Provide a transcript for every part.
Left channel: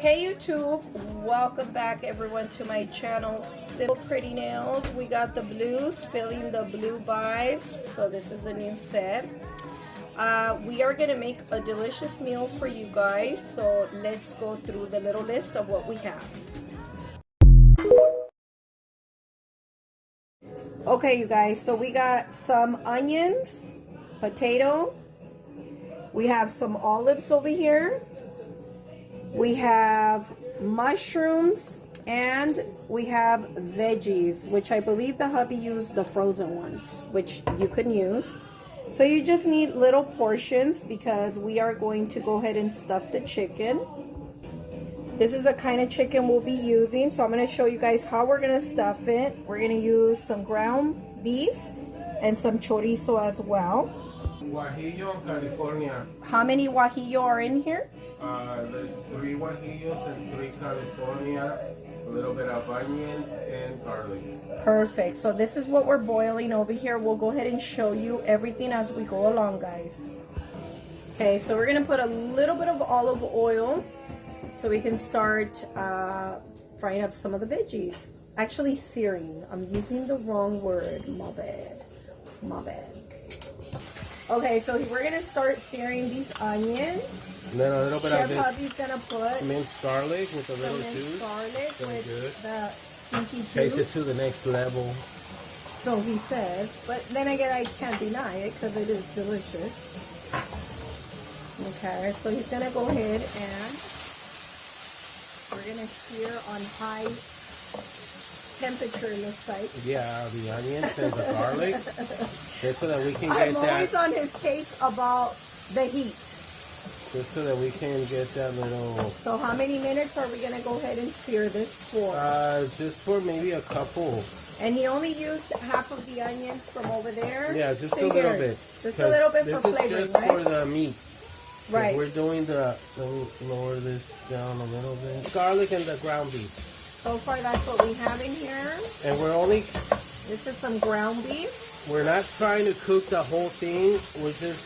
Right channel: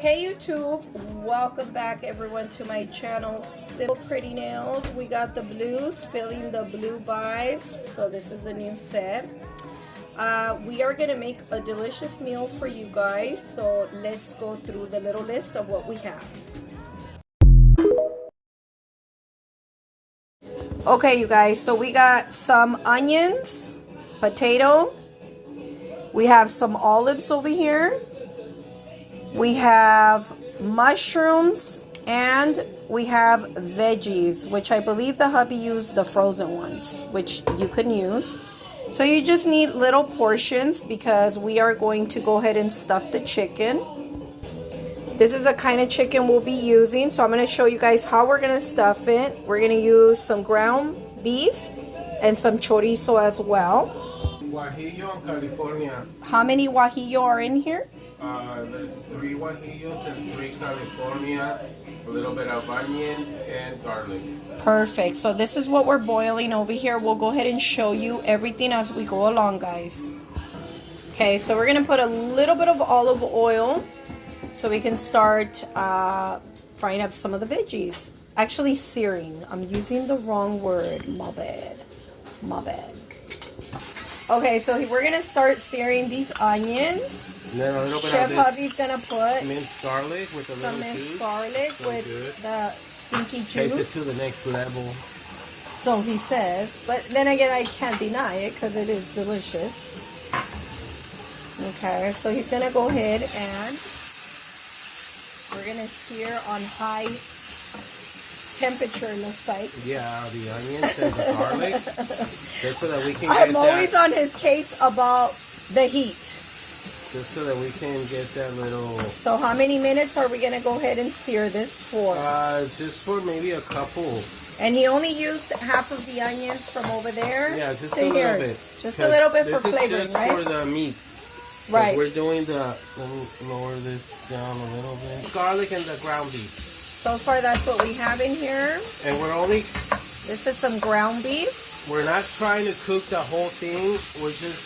Hey YouTube, welcome back everyone to my channel, Simple Pretty Nails. We got the blues, feeling the blue vibes. So this is a new set. We are gonna make a delicious meal for you guys. So let's go through the little list of what we have. Okay, you guys, so we got some onions, potato. We have some olives over here. We have mushrooms and we have veggies, which I believe the hubby used the frozen ones, which you can use. So you just need little portions because we are going to go ahead and stuff the chicken. This is the kind of chicken we'll be using. So I'm going to show you guys how we're going to stuff it. We're going to use some ground beef and some chorizo as well. Guajillo, California. How many guajillo are in here? There's 3 guajillos and 3 California, a little bit of onion and garlic. Perfect. So this is what we're boiling over here. We'll go ahead and show you everything as we go along, guys. Okay, so we're gonna put a little bit of olive oil so we can start frying up some of the veggies. Actually searing. I'm using the wrong word. My bad. My bad. Okay, so we're gonna start searing these onions. And then a little bit Chef of hubby's gonna put minced garlic with a little minced juice. garlic So with good. the stinky juice. Takes it to the next level. So he says, but then again, I can't deny it because it is delicious. Okay, so he's gonna go ahead and we're gonna sear on high temperature, looks like. Yeah, the onions and the garlic. Just so that we can get I'm always on his case about the heat. Just so that we can get that little... So how many minutes are we going to go ahead and sear this for? Just for maybe a couple. And he only used half of the onions from over there? Yeah, just a little bit. Just a little bit for flavoring, This is just right? for the meat. Right. We're doing the... Let me lower this down a little bit. Garlic and the ground beef. So far, that's what we have in here. And we're only... This is some ground beef. We're not trying to cook the whole thing. We're just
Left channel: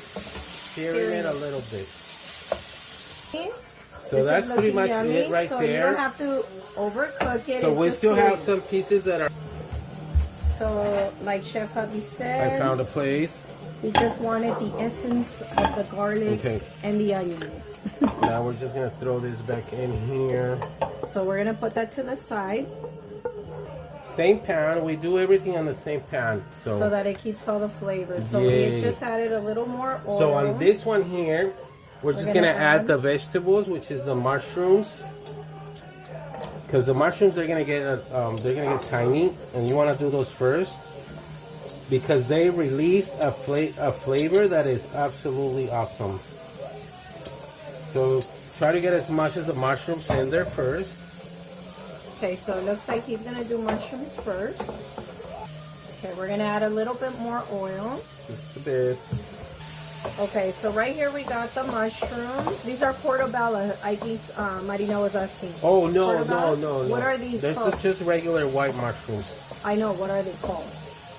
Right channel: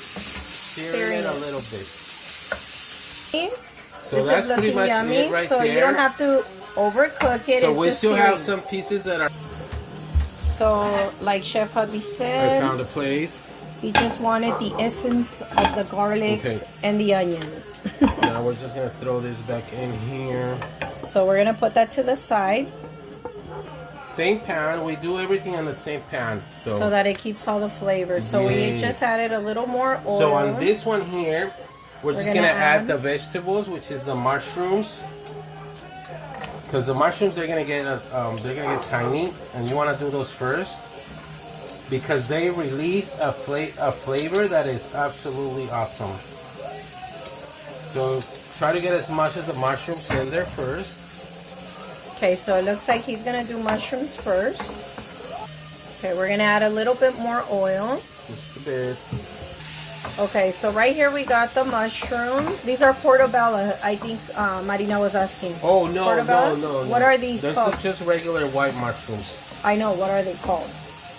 searing it a little bit. So this that's pretty much yummy, it right so there. So you don't have to overcook it. So it's we just still searing. have some pieces that are... So, like Chef Hubby said, I found a place. he just wanted the essence of the garlic and the onion. Now we're just going to throw this back in here. So we're going to put that to the side. Same pan. We do everything on the same pan. So that it keeps all the flavors. So we just added a little more oil. So on this one here, we're just going to add the vegetables, which is the mushrooms. Because the mushrooms are going to get tiny, and you want to do those first because they release a flavor that is absolutely awesome. So try to get as much of the mushrooms in there first. Okay, so it looks like he's going to do mushrooms first. Okay, we're going to add a little bit more oil. Just a bit. Okay, so right here we got the mushrooms. These are portobello, I think Marina was asking. Oh, no, portobello? no. What are these called? This is just regular white mushrooms. I know, what are they called?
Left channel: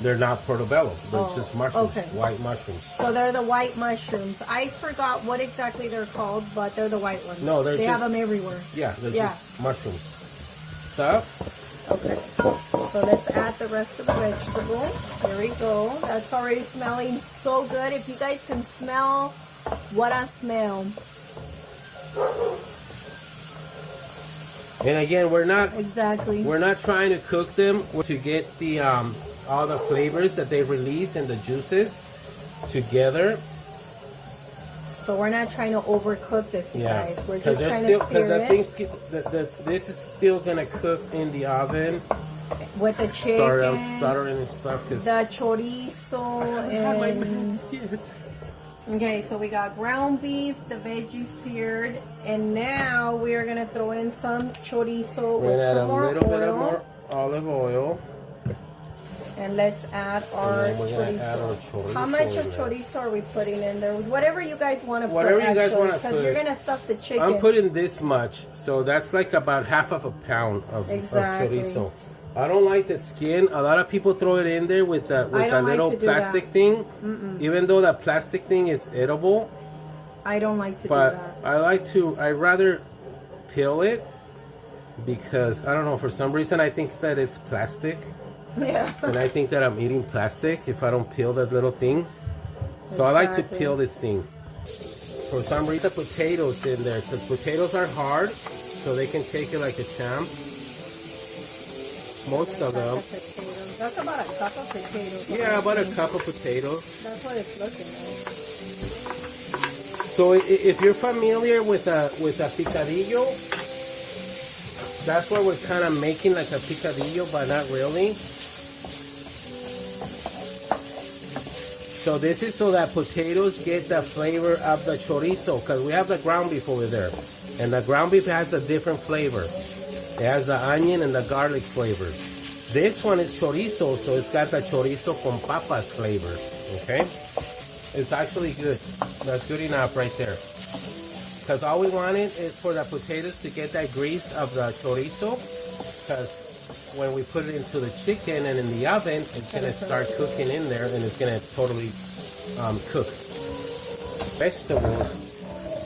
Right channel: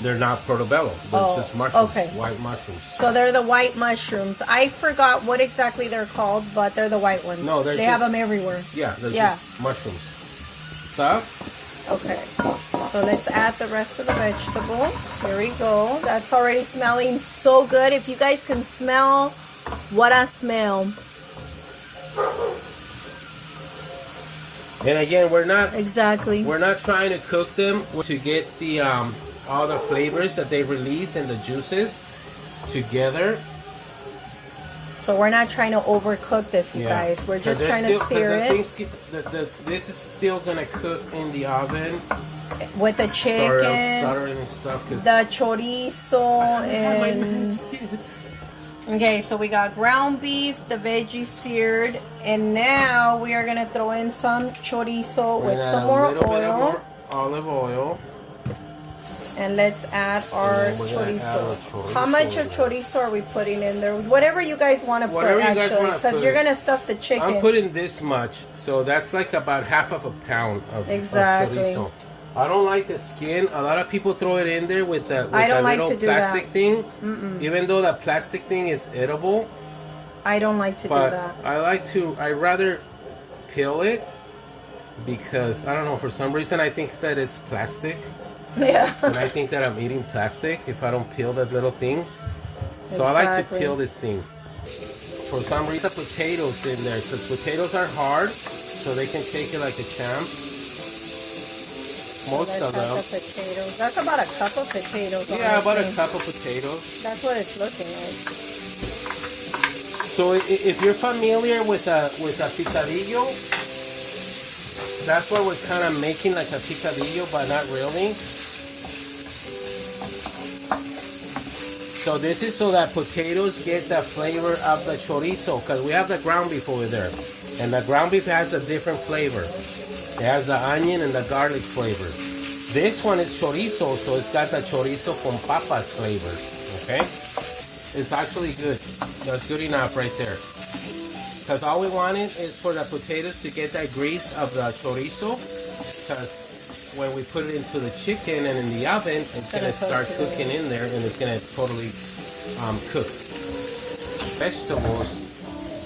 They're not portobello. They're just mushrooms. Okay. White mushrooms. So they're the white mushrooms. I forgot what exactly they're called, but they're the white ones. No, they have them everywhere. Yeah, they're just mushrooms. Stop. Okay. So let's add the rest of the vegetables. Here we go. That's already smelling so good. If you guys can smell what I smell. And again, we're not trying to cook them to get the all the flavors that they release and the juices together. So we're not trying to overcook this, you guys. We're just trying to sear it. This is still gonna cook in the oven with the chicken, sorry, I'm stuttering and stuff, the chorizo, and okay. So we got ground beef, the veggies seared, and now we are gonna throw in some chorizo with some more oil. A little bit of oil. Olive oil. And let's add our chorizo. How much of chorizo are we putting in there? Whatever you guys want to put, actually, because you're going to stuff the chicken. I'm putting this much, so that's like about half of a pound of chorizo. I don't like the skin. A lot of people throw it in there with that little plastic thing. Even though that plastic thing is edible. I don't like to do that. I rather peel it because I don't know, for some reason I think that it's plastic. Yeah. And I think that I'm eating plastic if I don't peel that little thing. So I like to peel this thing. For some reason, potatoes in there, because potatoes are hard, so they can take it like a champ. Most of them. The potatoes. That's about a cup of potatoes. Yeah, about a cup of potatoes. That's what it's looking like. So if you're familiar with a picadillo, that's what we're kind of making, like a picadillo, but not really. So this is so that potatoes get the flavor of the chorizo, because we have the ground beef over there. And the ground beef has a different flavor. It has the onion and the garlic flavor. This one is chorizo, so it's got the chorizo con papas flavor, okay? It's actually good. That's good enough right there. Because all we wanted is for the potatoes to get that grease of the chorizo, because when we put it into the chicken and in the oven, it's going to start cooking in there, and it's going to totally cook. Vegetables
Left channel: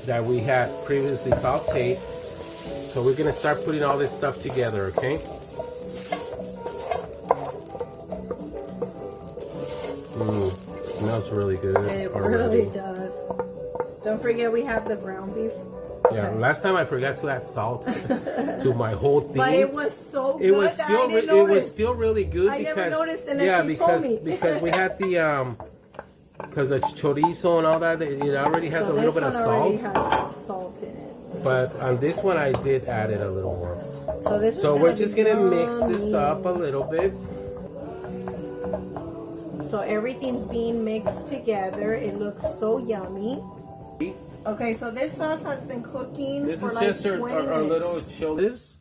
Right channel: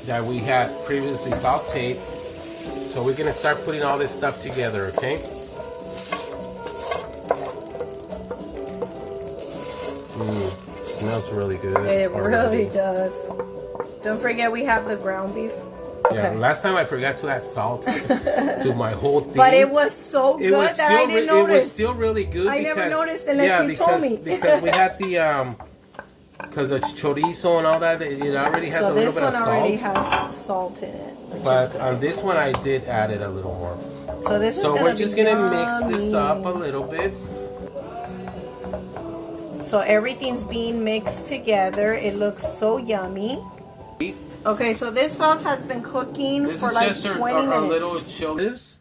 that we had previously sauteed. So we're going to start putting all this stuff together, okay? Smells really good. It really does. Don't forget we have the ground beef. Yeah, last time I forgot to add salt to my whole thing. But it was so good that I didn't notice. It was still really good. I never noticed unless you told me. Because we had the because it's chorizo and all that. It already has a little bit of salt. So this one already has salt in it. But on this one, I did add it a little more. So this is we're just gonna mix this up a little bit. So everything's being mixed together. It looks so yummy. Okay, so this sauce has been cooking for like 20 minutes. Our little chilies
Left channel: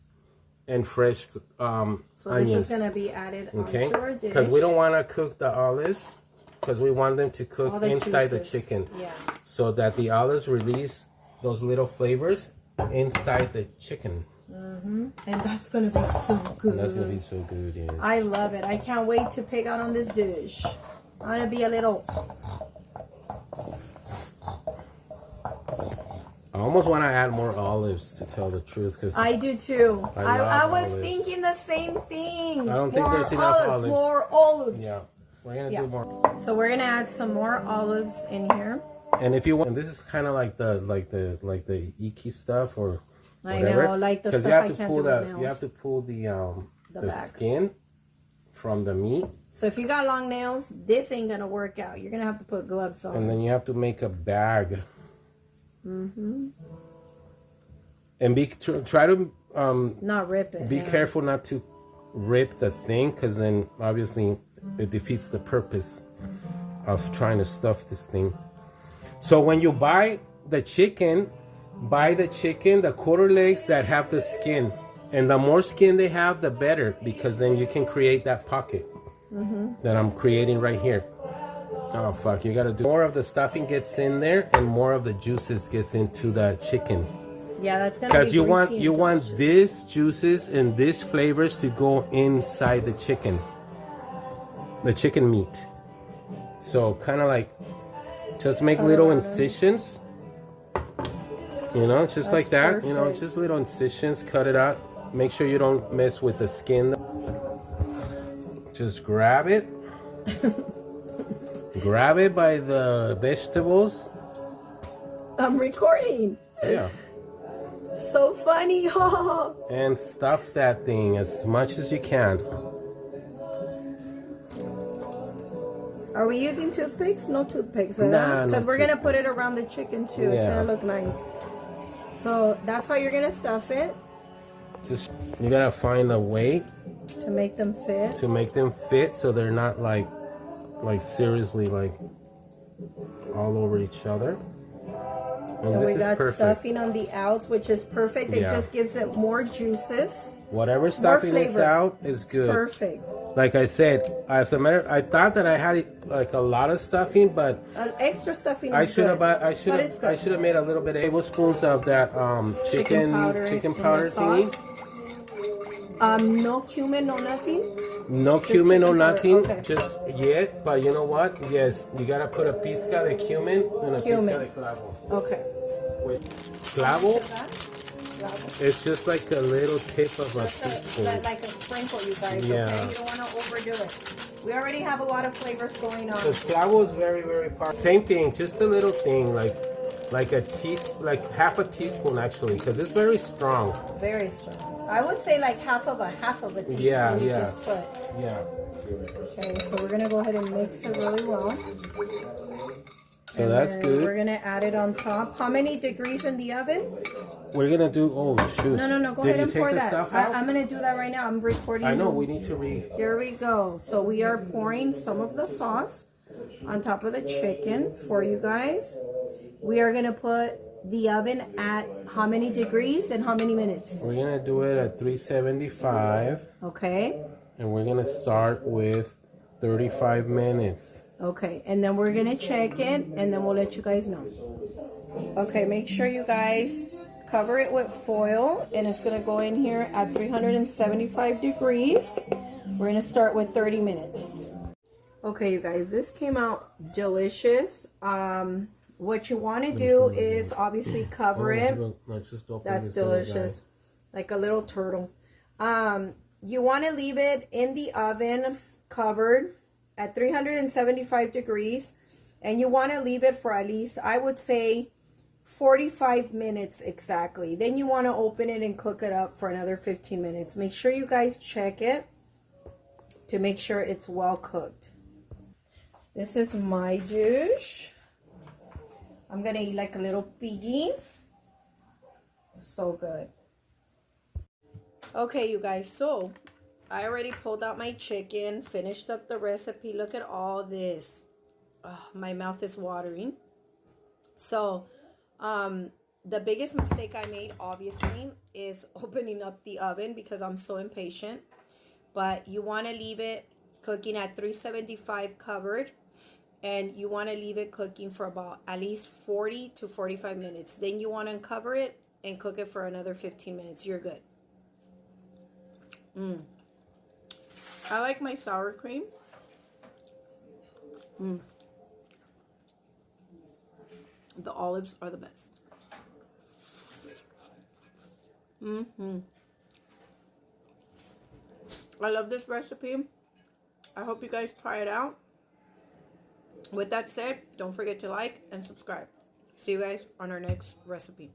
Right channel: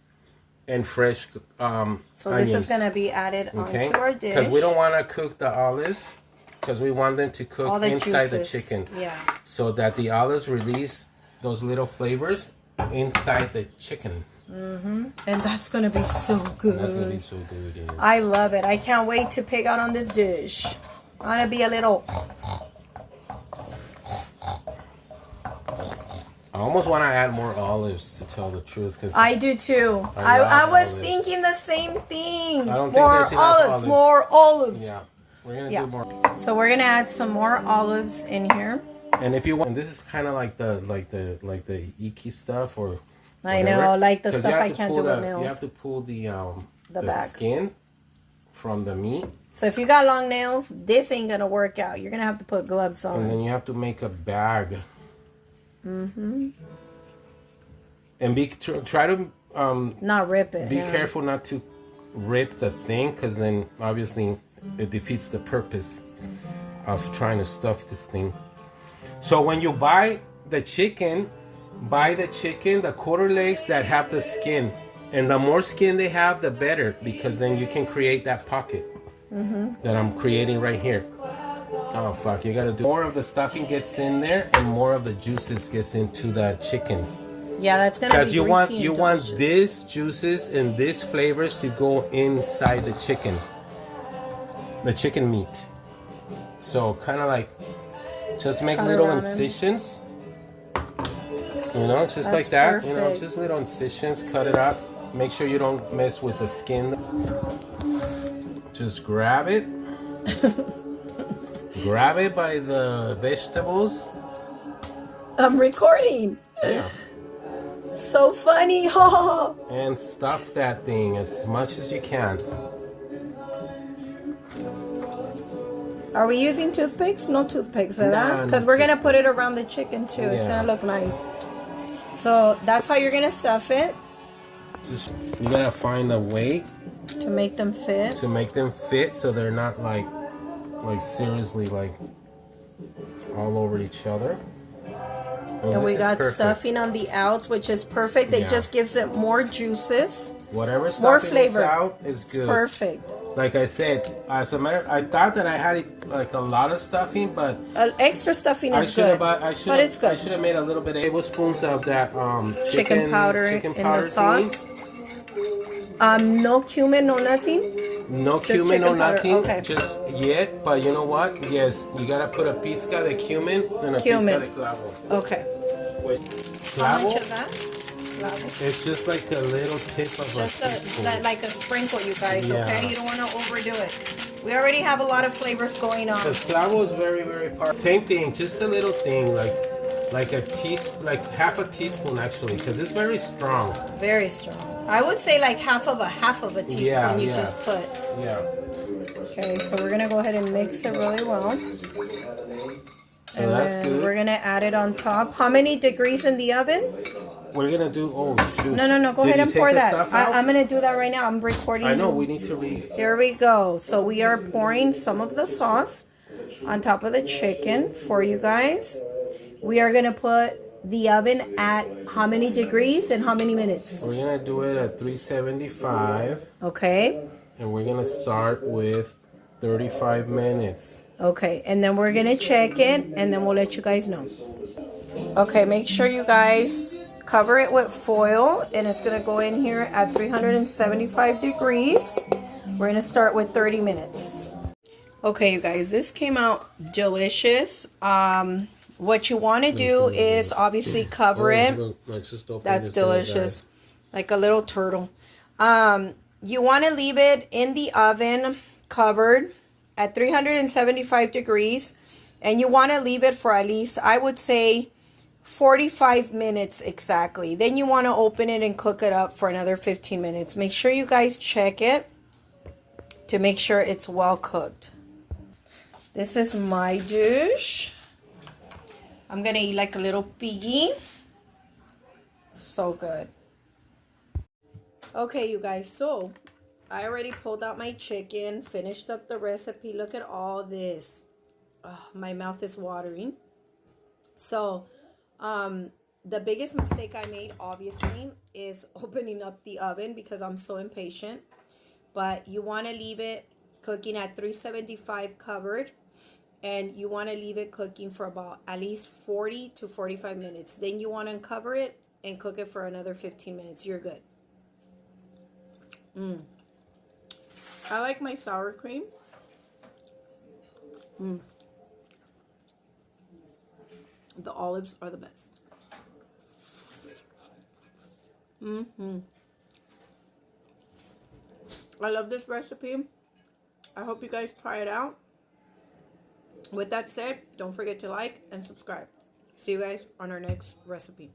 and fresh so onions. this is going to be added onto our dish. Because we don't want to cook the olives, because we want them to cook inside juices. the chicken. Yeah. So that the olives release those little flavors inside the chicken. And that's going to be so good. And that's going to be so good, yeah. I love it. I can't wait to pick out on this dish. I'm going to be a little... I almost want to add more olives, to tell the truth. Cause I do too. I was olives. Thinking the same thing. I don't think there's enough olives. More olives. Yeah, we're going to do more. So we're going to add some more olives in here. And if you want, and this is kind of like the icky stuff, or whatever. I know, like the stuff I can't do with nails. You have to pull the back. skin from the meat. So if you got long nails, this ain't gonna work out. You're gonna have to put gloves on. And then you have to make a bag. And try to not rip it. Be careful not to rip the thing, because then obviously it defeats the purpose of trying to stuff this thing. So when you buy the chicken, the quarter legs that have the skin. And the more skin they have, the better, because then you can create that pocket that I'm creating right here. Oh, fuck. You got to do more of the stuffing gets in there, and more of the juices gets into the chicken. Yeah, that's going to be because you want these juices and these flavors to go inside the chicken meat. So kind of like just make little incisions, just that's like that. Perfect. Just little incisions. Cut it out. Make sure you don't mess with the skin. Just grab it. Grab it by the vegetables. I'm recording. Yeah. So funny. And stuff that thing as much as you can. Are we using toothpicks? No toothpicks, ¿verdad? Because we're going to put it around the chicken too. Yeah. It's going to look nice. So that's how you're going to stuff it. Just, you got to find a way to make them fit. So they're not like seriously like all over each other. And we got stuffing on the outs, which is perfect. It just gives it more juices. Whatever stuffing is out is good. It's perfect. Like I said, I thought that I had like a lot of stuffing, but extra stuffing is good. I should have made a little bit of tablespoons of that chicken powder in the sauce. No cumin, no nothing. No cumin, no nothing, just yet. But you know what? Yes, you gotta put a pizca de cumin and a pizca de clavo. Okay. With clavo, It's just like a little tip of a teaspoon. Like a sprinkle, you guys, Yeah. okay? You don't want to overdo it. We already have a lot of flavors going on. The clavo is very, very powerful. Same thing, just a little thing, like a teaspoon, like half a teaspoon actually, because it's very strong. Very strong. I would say like half of a teaspoon you just put. Yeah. Okay, so we're gonna go ahead and mix it really well. So that's good. We're gonna add it on top. How many degrees in the oven? We're gonna do. Oh shoot! No. Go ahead and pour that. Out? I'm gonna do that right now. I'm recording. I know. We need to read. There we go. So we are pouring some of the sauce on top of the chicken for you guys. We are gonna put the oven at how many degrees and how many minutes? We're gonna do it at 375. Okay. And we're gonna start with 35 minutes. Okay, and then we're gonna check it, and then we'll let you guys know. Okay, make sure you guys cover it with foil, and it's gonna go in here at 375 degrees. We're gonna start with 30 minutes. Okay, you guys, this came out delicious. What you want to do is obviously cover it. That's delicious, like a little turtle. You want to leave it in the oven covered at 375 degrees, and you want to leave it for at least, I would say, 45 minutes exactly. Then you want to open it and cook it up for another 15 minutes. Make sure you guys check it to make sure it's well cooked. This is my dish. I'm gonna eat like a little piggy. So good. Okay, you guys, so I already pulled out my chicken, finished up the recipe. Look at all this. Oh, my mouth is watering. So, the biggest mistake I made, obviously, is opening up the oven because I'm so impatient. But you want to leave it cooking at 375 covered. And you want to leave it cooking for about at least 40 to 45 minutes. Then you want to uncover it and cook it for another 15 minutes. You're good. I like my sour cream. The olives are the best. I love this recipe. I hope you guys try it out. With that said, don't forget to like and subscribe. See you guys on our next recipe.